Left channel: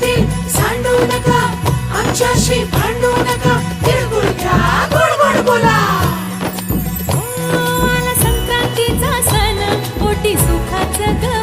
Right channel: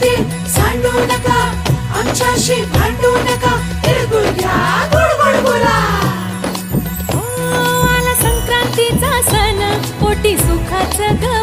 ते सांडू नका. आमच्याशी भांडू नका. तिळगुळ घ्या गोड गोड बोला. हो, संक्रांतीचा सण. ओटी सुखाचं ग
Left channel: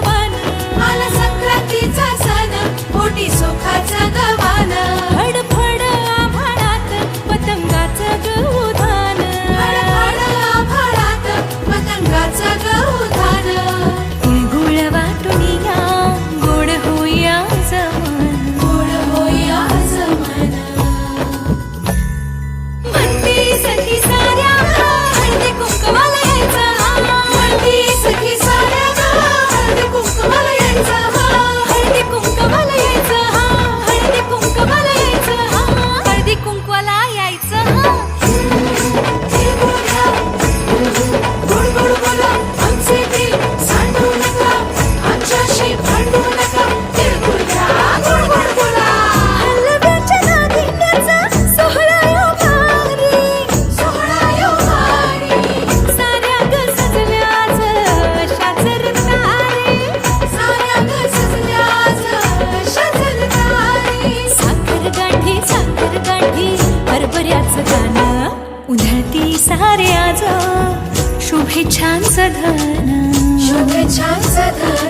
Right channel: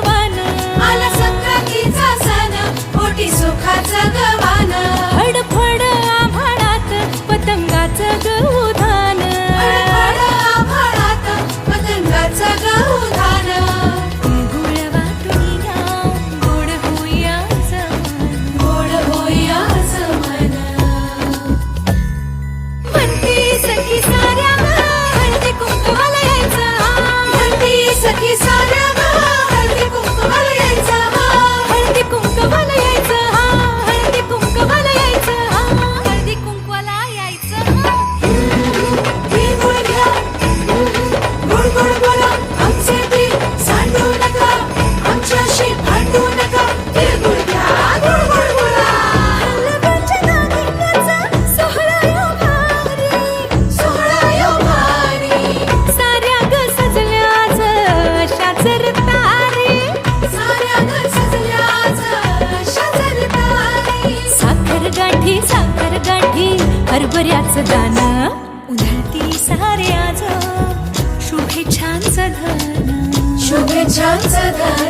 गाठी साखर गाठी हरभऱ्याचं दान. उधळती सारे आज शुभेच्छांचं धन. शुभेच्छांचं धन.